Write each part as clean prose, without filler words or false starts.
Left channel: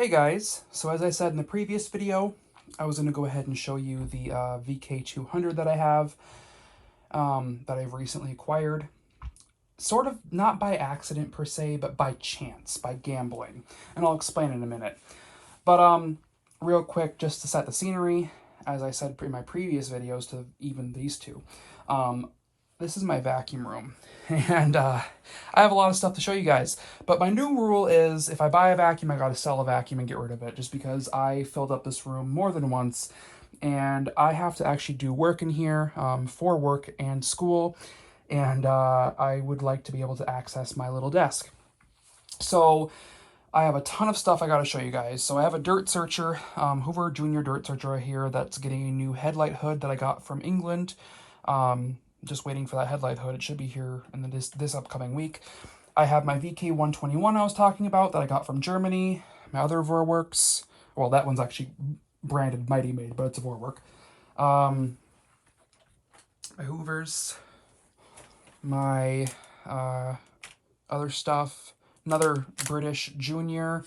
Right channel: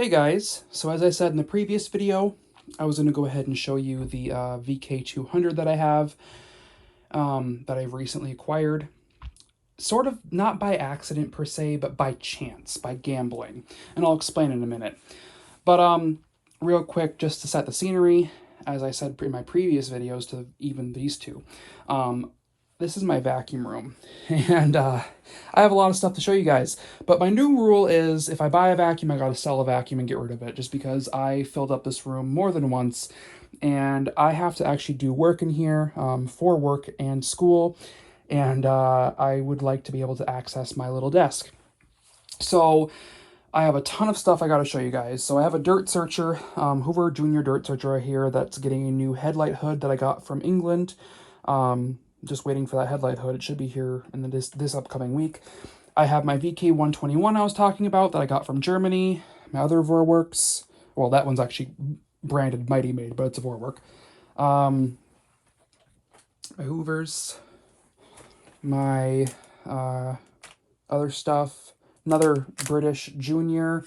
Hey guys, so as I said in the previous video, I was going to go ahead and show you the vk200 that I have, that I've recently acquired. Sort of not by accident per se, but by chance, by gambling. And I'll explain in a minute. But real quick, just to set the scenery, as I said in my previous videos to even these two, this is my vacuum room, and I have a lot of stuff to show you guys. But my new rule is if I buy a vacuum, I gotta sell a vacuum and get rid of it, just because I filled up this room more than once, and I have to actually do work in here for work and school, and I would like to be able to access my little desk. So I have a ton of stuff I gotta show you guys. So I have a dirt searcher, Hoover Junior dirt searcher right here that's getting a new headlight hood that I got from England. Just waiting for that headlight hood. It should be here in this upcoming week. I have my vk200 I was talking about that I got from Germany. My other Vorwerks. Well, that one's actually branded Mighty Made, but it's a Vorwerk. My Hoovers. My other stuff. Another British Junior.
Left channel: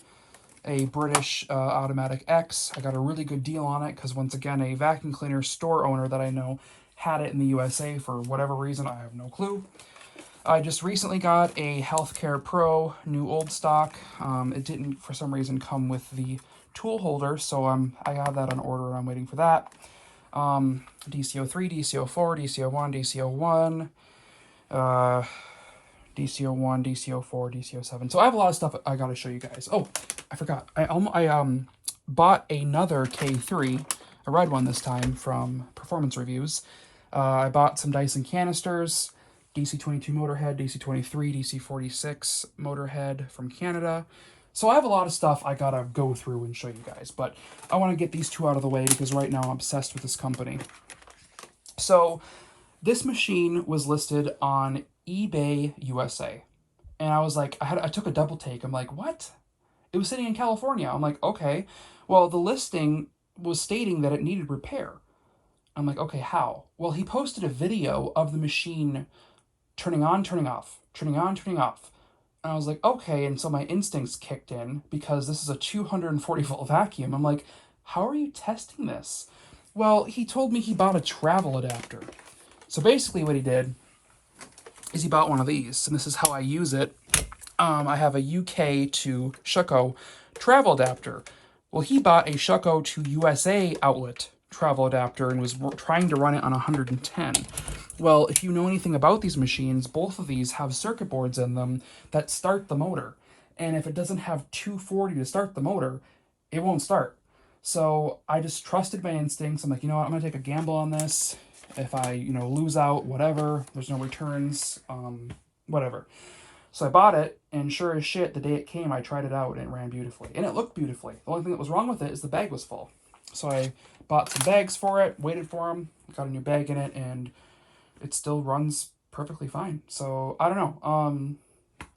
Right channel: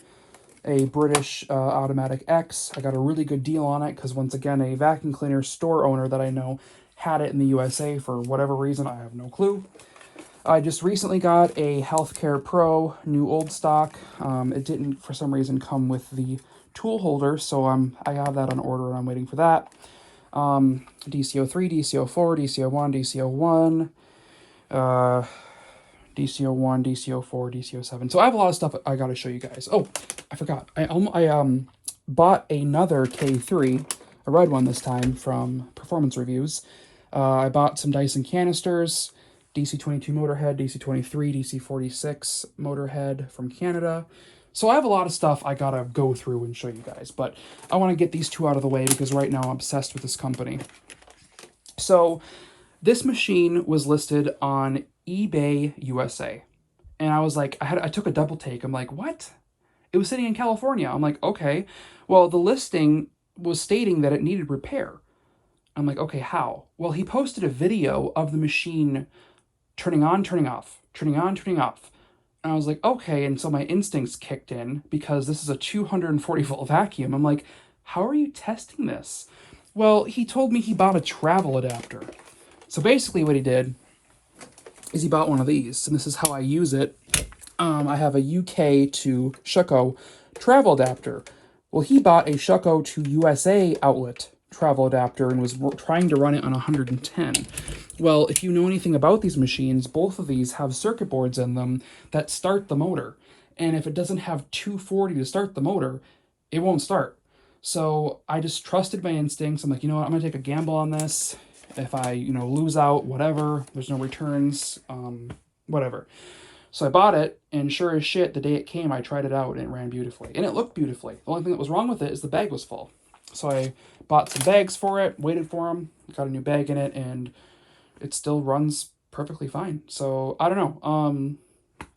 A British Automatic X. I got a really good deal on it because, once again, a vacuum cleaner store owner that I know had it in the USA for whatever reason. I have no clue. I just recently got a Healthcare Pro new old stock. It didn't, for some reason, come with the tool holder, so I have that on order and I'm waiting for that. DCO3, DCO4, DCO1, DCO1, DCO1, DCO4, DCO7. So I have a lot of stuff I gotta show you guys. Oh, I forgot. I bought another K3, a red one this time, from Performance Reviews. I bought some Dyson canisters, DC22 Motorhead, DC23, DC46 Motorhead from Canada. So I have a lot of stuff I gotta go through and show you guys, but I want to get these two out of the way because right now I'm obsessed with this company. So this machine was listed on eBay USA, and I was like, I took a double take. I'm like, what? It was sitting in California. I'm like, okay. Well, the listing was stating that it needed repair. I'm like, okay, how? Well, he posted a video of the machine turning on, turning off, turning on, turning off. And I was like, okay. And so my instincts kicked in because this is a 240 volt vacuum. I'm like, how are you testing this? Well, he told me he bought a travel adapter. So basically what he did is he bought one of these, and this is how I use it. I have a UK to Shuko travel adapter. Well, he bought a Shuko to USA outlet travel adapter and was trying to run it on 110. Well, if you know anything about these machines, both of these have circuit boards in them that start the motor. And if it doesn't have 240 to start the motor, it won't start. So I just trusted my instincts. I'm like, you know what, I'm gonna take a gamble on this. If I, lose out, whatever, there's no returns, whatever. So I bought it, and sure as shit, the day it came, I tried it out, and it ran beautifully. And it looked beautifully. The only thing that was wrong with it is the bag was full. So I bought some bags for it, waited for them, got a new bag in it, and it still runs perfectly fine. So, I don't know.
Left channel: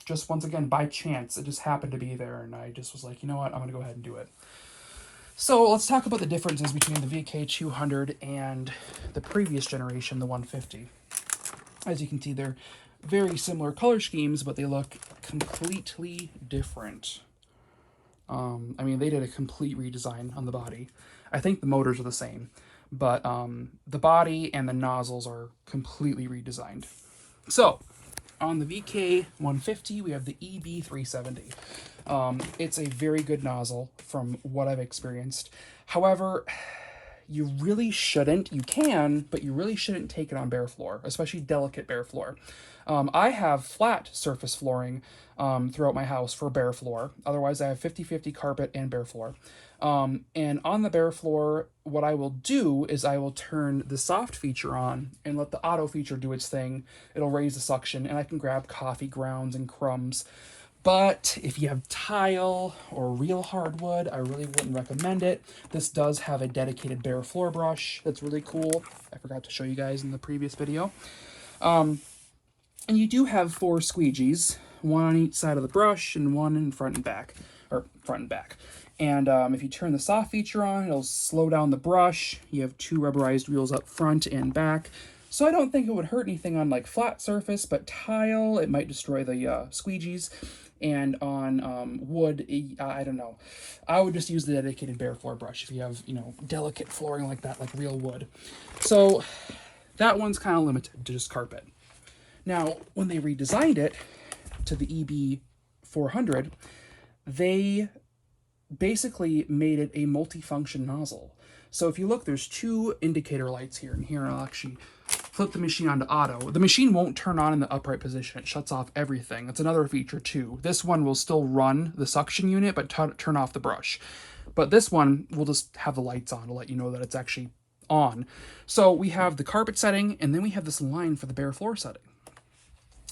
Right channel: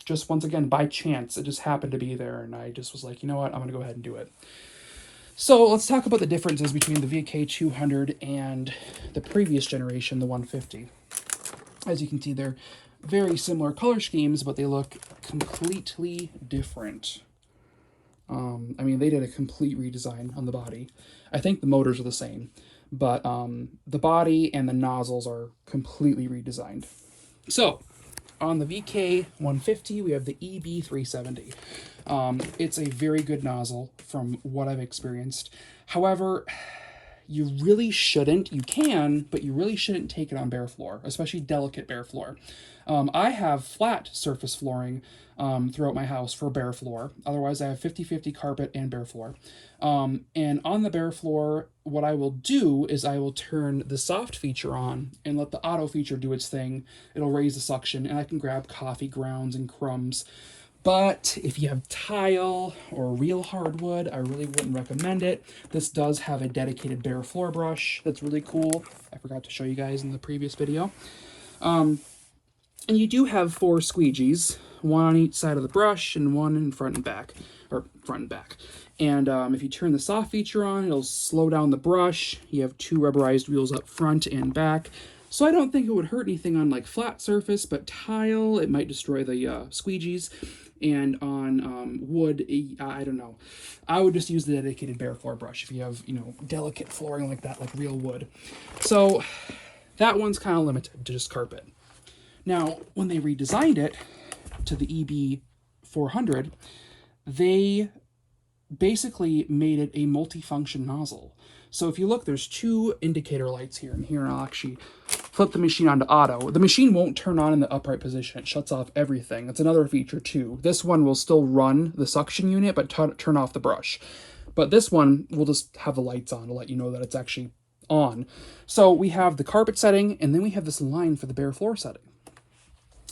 Just once again, by chance, it just happened to be there, and I just was like, you know what, I'm going to go ahead and do it. So let's talk about the differences between the vk200 and the previous generation, the 150. As you can see, they're very similar color schemes, but they look completely different. I mean, they did a complete redesign on the body. I think the motors are the same, but the body and the nozzles are completely redesigned. So, on the VK150, we have the EB370. It's a very good nozzle from what I've experienced. However, you really shouldn't, you can, but you really shouldn't take it on bare floor, especially delicate bare floor. I have flat surface flooring throughout my house for bare floor. Otherwise, I have 50-50 carpet and bare floor. And on the bare floor, what I will do is I will turn the soft feature on and let the auto feature do its thing. It'll raise the suction, and I can grab coffee grounds and crumbs. But if you have tile or real hardwood, I really wouldn't recommend it. This does have a dedicated bare floor brush that's really cool. I forgot to show you guys in the previous video. And you do have 4 squeegees, one on each side of the brush and one in front and back, or front and back. And if you turn the soft feature on, it'll slow down the brush. You have 2 rubberized wheels up front and back. So I don't think it would hurt anything on like flat surface, but tile, it might destroy the squeegees. And on wood, I don't know. I would just use the dedicated bare floor brush if you have, you know, delicate flooring like that, like real wood. So that one's kind of limited to just carpet. Now, when they redesigned it to the EB400, they basically made it a multifunction nozzle. So if you look, there's two indicator lights here, and here I'll actually flip the machine onto auto. The machine won't turn on in the upright position. It shuts off everything. That's another feature too. This one will still run the suction unit, but turn off the brush. But this one will just have the lights on to let you know that it's actually on. So we have the carpet setting, and then we have this line for the bare floor setting.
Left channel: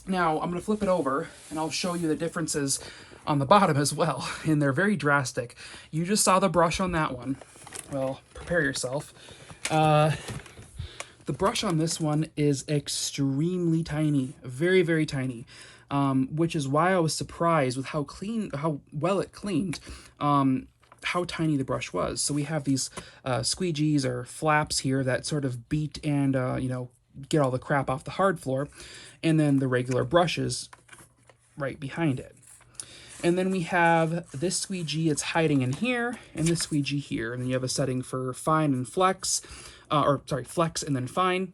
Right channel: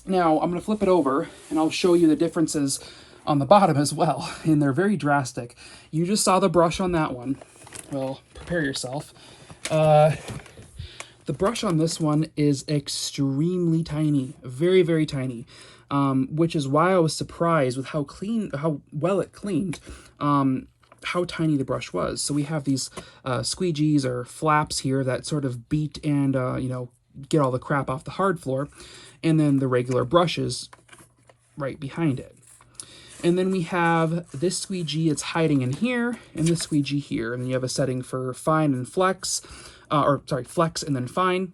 Now I'm going to flip it over, and I'll show you the differences on the bottom as well, and they're very drastic. You just saw the brush on that one. Well, prepare yourself. The brush on this one is extremely tiny, very, very tiny, which is why I was surprised with how well it cleaned, how tiny the brush was. So we have these squeegees or flaps here that sort of beat and, you know, get all the crap off the hard floor, and then the regular brushes right behind it. And then we have this squeegee, it's hiding in here, and this squeegee here. And then you have a setting for fine and flex, flex and then fine.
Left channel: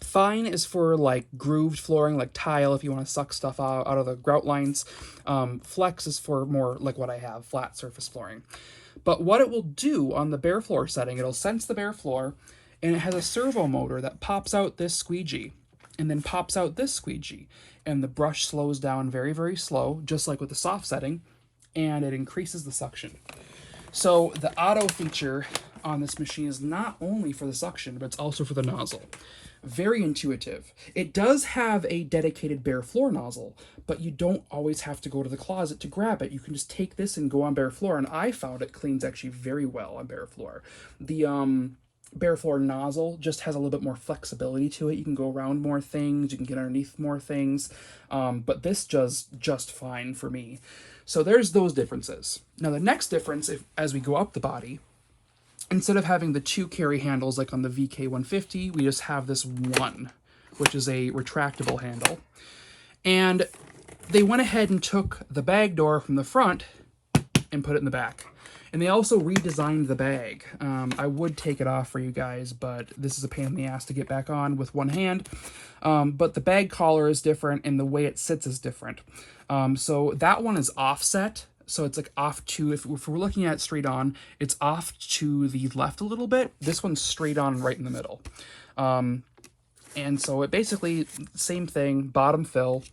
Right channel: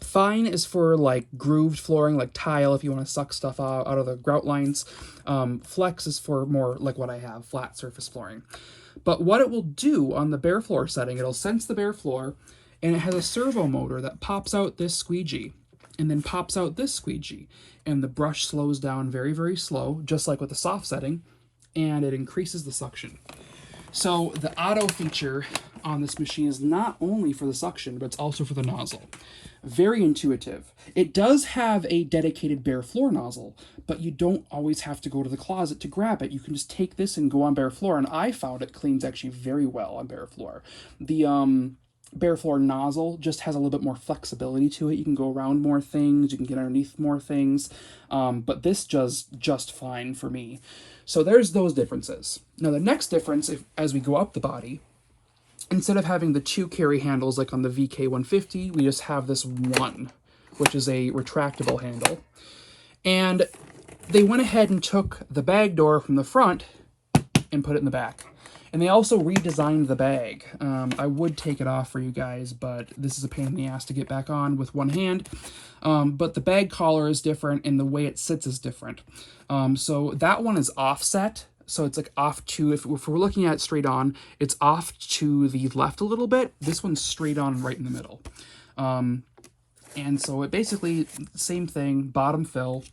Fine is for like grooved flooring, like tile, if you want to suck stuff out of the grout lines. Flex is for more like what I have, flat surface flooring. But what it will do on the bare floor setting, it'll sense the bare floor, and it has a servo motor that pops out this squeegee and then pops out this squeegee, and the brush slows down very, very slow, just like with the soft setting, and it increases the suction. So the auto feature on this machine is not only for the suction, but it's also for the nozzle. Very intuitive. It does have a dedicated bare floor nozzle, but you don't always have to go to the closet to grab it. You can just take this and go on bare floor, and I found it cleans actually very well on bare floor. The bare floor nozzle just has a little bit more flexibility to it. You can go around more things, you can get underneath more things, but this does just fine for me. So there's those differences. Now the next difference, as we go up the body, instead of having the two carry handles like on the VK150, we just have this one, which is a retractable handle. And they went ahead and took the bag door from the front and put it in the back. And they also redesigned the bag. I would take it off for you guys, but this is a pain in the ass to get back on with one hand. But the bag collar is different, and the way it sits is different. So that one is offset. So it's like off to, if we're looking at it straight on, it's off to the left a little bit. This one's straight on right in the middle. And so it basically, same thing, bottom fill,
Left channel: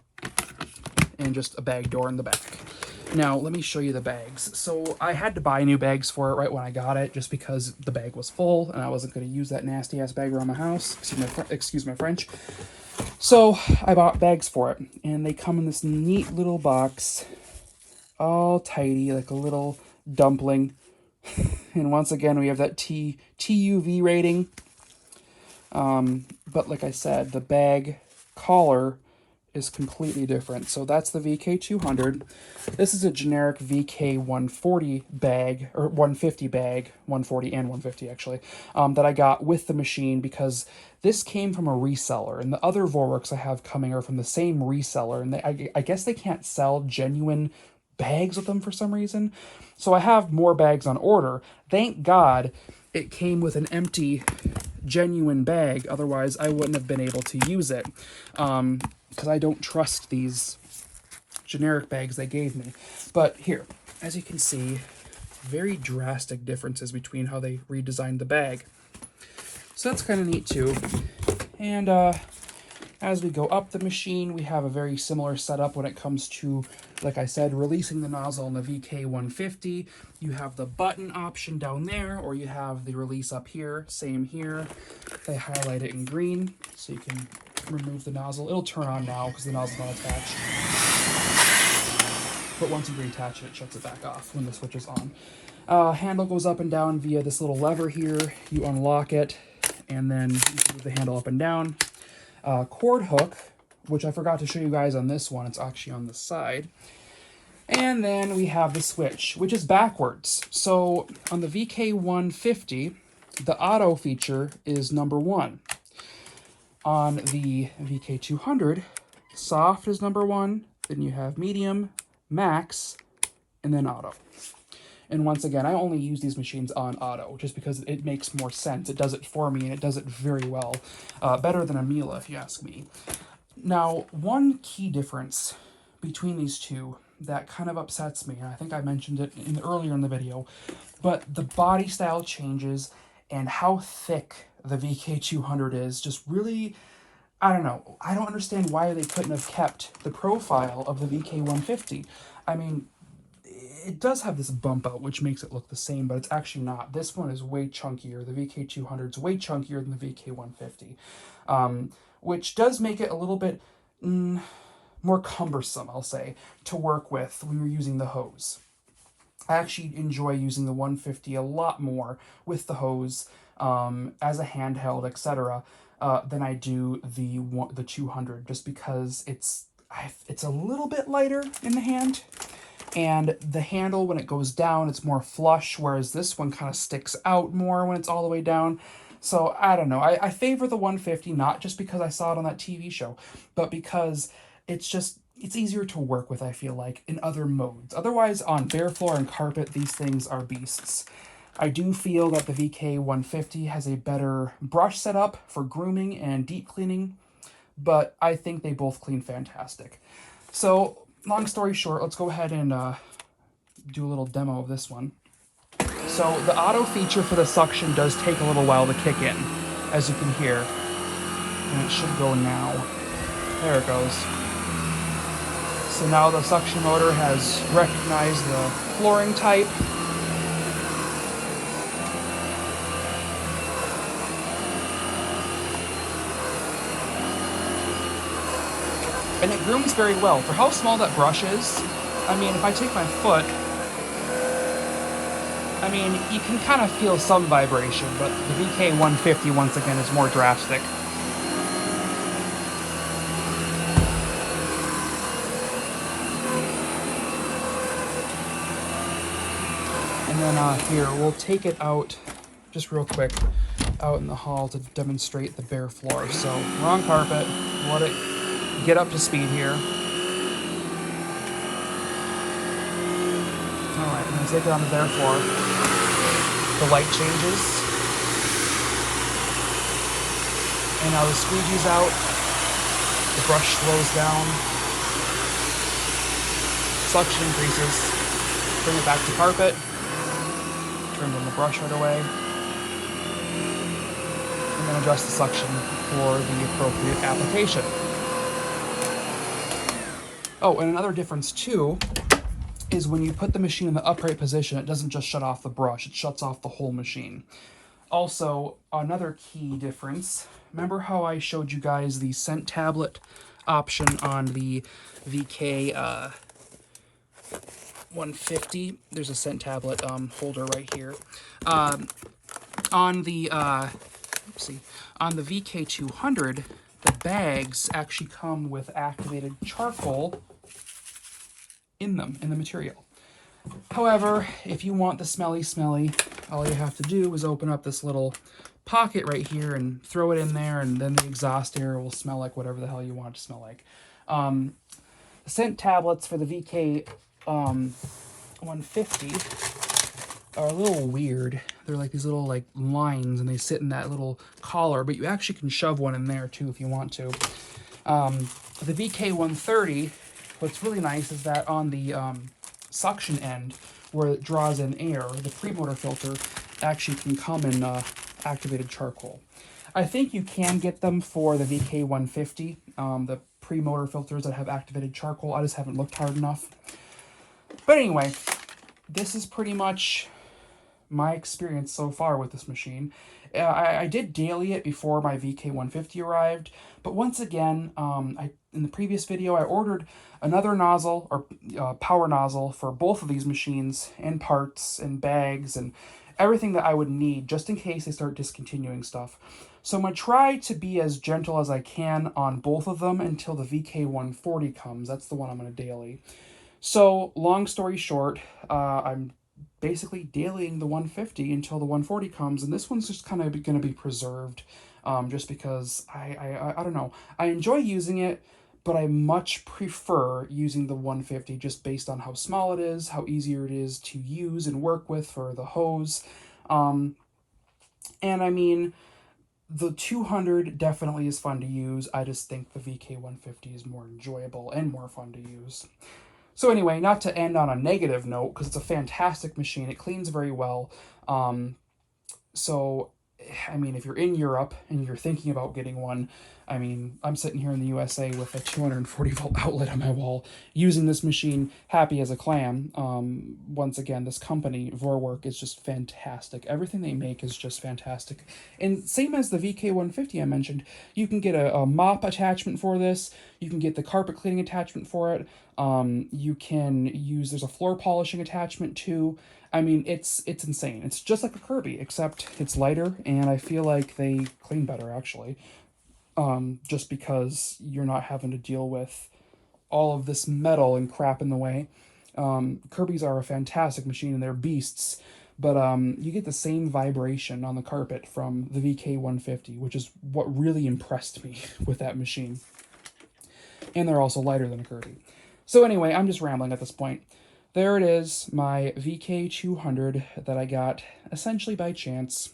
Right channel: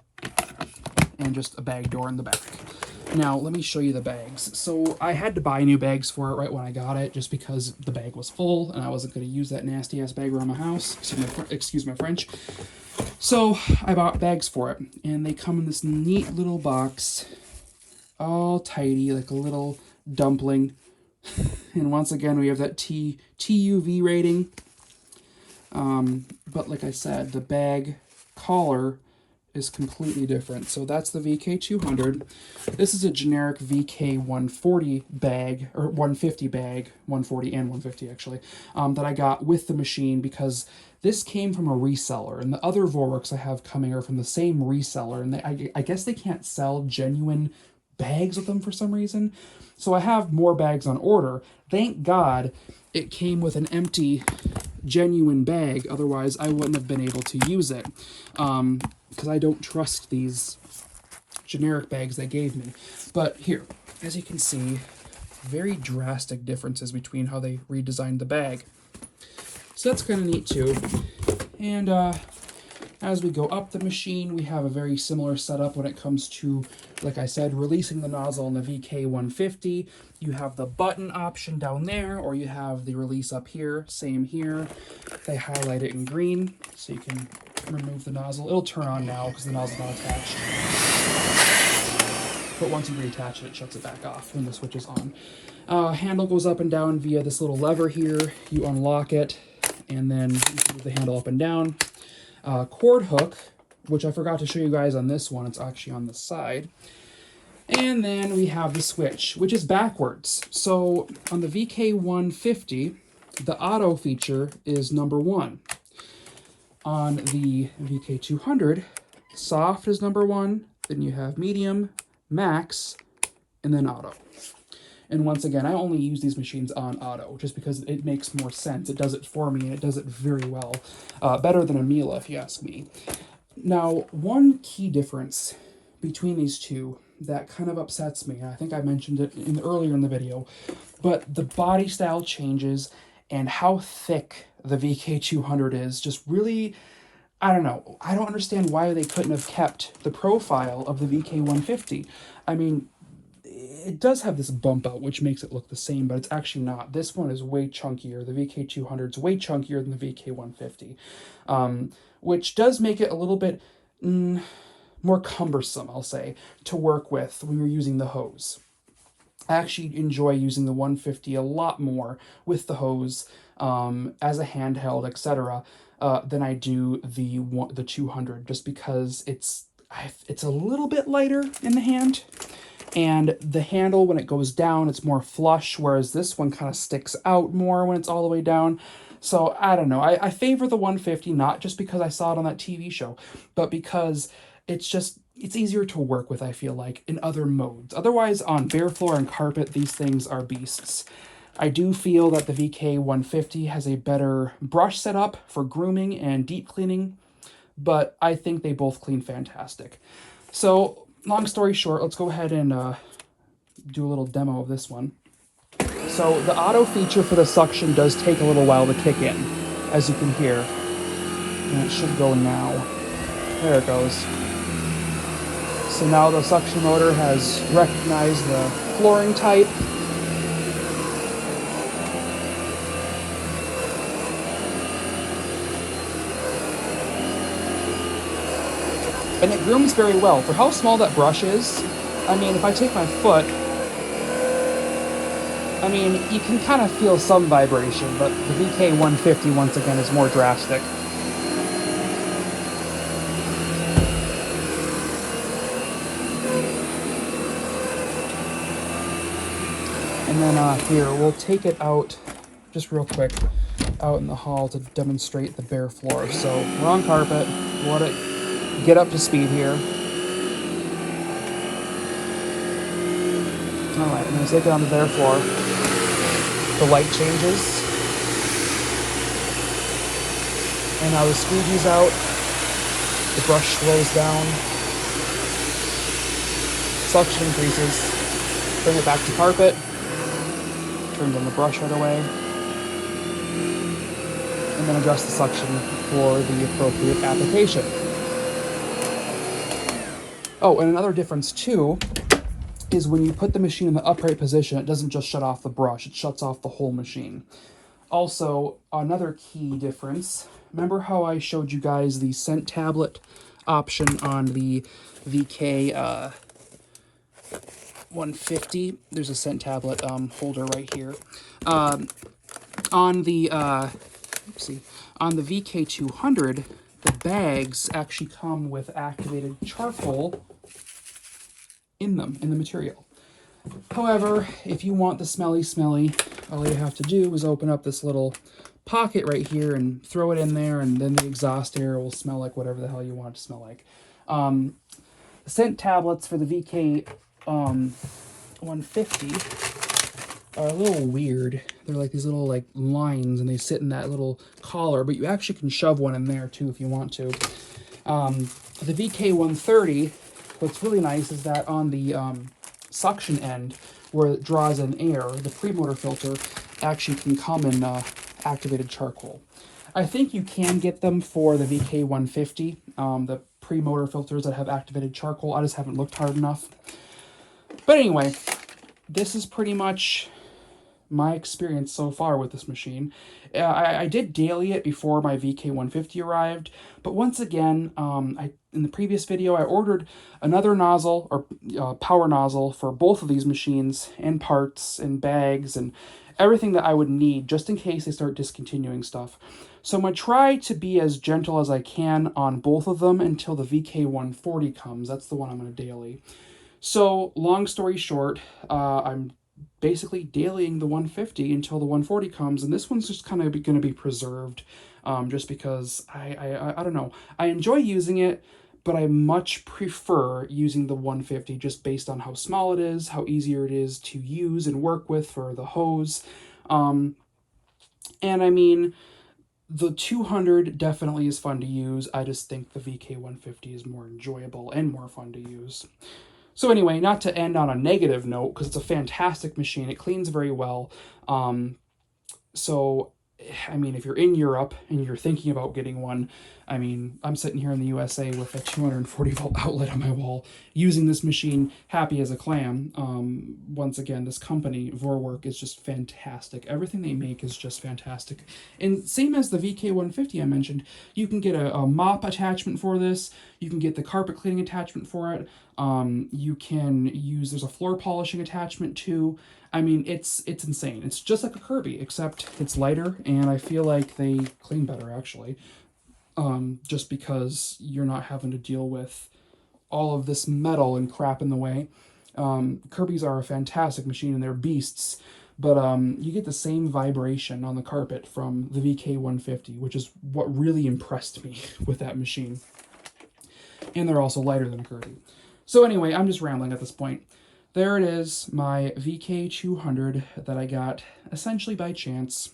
and just a bag door in the back. Now, let me show you the bags. So I had to buy new bags for it right when I got it, just because the bag was full, and I wasn't going to use that nasty-ass bag around my house. Excuse my French. So I bought bags for it, and they come in this neat little box, all tidy, like a little dumpling. And once again, we have that TUV rating. But like I said, the bag collar is completely different. So that's the VK200. This is a generic VK140 bag, or 150 bag, 140 and 150 actually, that I got with the machine because this came from a reseller, and the other Vorwerks I have coming are from the same reseller, and I guess they can't sell genuine bags with them for some reason. So I have more bags on order. Thank God it came with an empty genuine bag, otherwise I wouldn't have been able to use it. Because I don't trust these generic bags they gave me. But here, as you can see, very drastic differences between how they redesigned the bag. So that's kind of neat too. And as we go up the machine, we have a very similar setup when it comes to, like I said, releasing the nozzle in the VK150. You have the button option down there, or you have the release up here, same here. They highlight it in green, so you can remove the nozzle. It'll turn on now because the nozzle's not attached. But once you reattach it, it shuts it back off when the switch is on. Handle goes up and down via this little lever here. You unlock it, and then you can move the handle up and down. Cord hook, which I forgot to show you guys on this one. It's actually on the side. And then we have the switch, which is backwards. So on the VK150, the auto feature is number 1. On the VK200, soft is number 1, then you have medium, max, and then auto. And once again, I only use these machines on auto just because it makes more sense. It does it for me, and it does it very well. Better than a Miele, if you ask me. Now, one key difference between these two that kind of upsets me, and I think I mentioned it earlier in the video, but the body style changes and how thick the vk200 is just really, I don't know. I don't understand why they couldn't have kept the profile of the vk150. I mean, it does have this bump out, which makes it look the same, but it's actually not. This one is way chunkier. The vk200 is way chunkier than the vk150, which does make it a little bit more cumbersome, I'll say, to work with when you're using the hose. I actually enjoy using the 150 a lot more with the hose as a handheld, etc., than I do the 200, just because it's a little bit lighter in the hand. And the handle, when it goes down, it's more flush, whereas this one kind of sticks out more when it's all the way down. So, I don't know. I favor the 150, not just because I saw it on that TV show, but because it's easier to work with, I feel like, in other modes. Otherwise, on bare floor and carpet, these things are beasts. I do feel that the VK150 has a better brush setup for grooming and deep cleaning, but I think they both clean fantastic. So, long story short, let's go ahead and do a little demo of this one. So the auto feature for the suction does take a little while to kick in, as you can hear. And it should go now. There it goes. So now the suction motor has recognized the flooring type. And it grooms very well. For how small that brush is, I mean, if I take my foot, I mean, you can kind of feel some vibration, but the VK150, once again, is more drastic. And then here, we'll take it out, just real quick, out in the hall to demonstrate the bare floor. So we're on carpet, let it get up to speed here. Alright, I'm going to take it on the bare floor. The light changes. And now the squeegee's out. The brush slows down. Suction increases. Bring it back to carpet. Turn down the brush right away. And then adjust the suction for the appropriate application. Oh, and another difference too is when you put the machine in the upright position, it doesn't just shut off the brush, it shuts off the whole machine. Also, another key difference, remember how I showed you guys the scent tablet option on the VK 150? There's a scent tablet holder right here. On the VK 200, the bags actually come with activated charcoal in them, in the material. However, if you want the smelly, all you have to do is open up this little pocket right here and throw it in there, and then the exhaust air will smell like whatever the hell you want it to smell like. The scent tablets for the VK 150 are a little weird. They're like these little lines, and they sit in that little collar, but you actually can shove one in there too if you want to. The VK 130, what's really nice is that on the suction end, where it draws in air, the pre-motor filter actually can come in activated charcoal. I think you can get them for the VK 150, the pre-motor filters that have activated charcoal. I just haven't looked hard enough. But anyway, this is pretty much my experience so far with this machine. I did daily it before my VK150 arrived, but once again, in the previous video, I ordered another nozzle, or power nozzle, for both of these machines, and parts, and bags, and everything that I would need, just in case they start discontinuing stuff. So I'm going to try to be as gentle as I can on both of them until the VK140 comes. That's the one I'm going to daily. So, long story short, I'm basically dailying the 150 until the 140 comes, and this one's just kind of going to be preserved, just because I don't know. I enjoy using it, but I much prefer using the 150 just based on how small it is, how easier it is to use and work with for the hose. And I mean, the 200 definitely is fun to use. I just think the VK150 is more enjoyable and more fun to use. So anyway, not to end on a negative note, because it's a fantastic machine. It cleans very well. So, I mean, if you're in Europe and you're thinking about getting one, I mean, I'm sitting here in the USA with a 240 volt outlet on my wall, using this machine, happy as a clam. Once again, this company, Vorwerk, is just fantastic. Everything they make is just fantastic. And same as the VK150 I mentioned, you can get a mop attachment for this. You can get the carpet cleaning attachment for it. You can use, there's a floor polishing attachment too. I mean, it's insane. It's just like a Kirby, except it's lighter, and I feel like they clean better, actually. Just because you're not having to deal with all of this metal and crap in the way. Kirby's are a fantastic machine, and they're beasts, but you get the same vibration on the carpet from the VK150, which is what really impressed me with that machine. And they're also lighter than a Kirby. So anyway, I'm just rambling at this point. There it is, my VK200 that I got essentially by chance.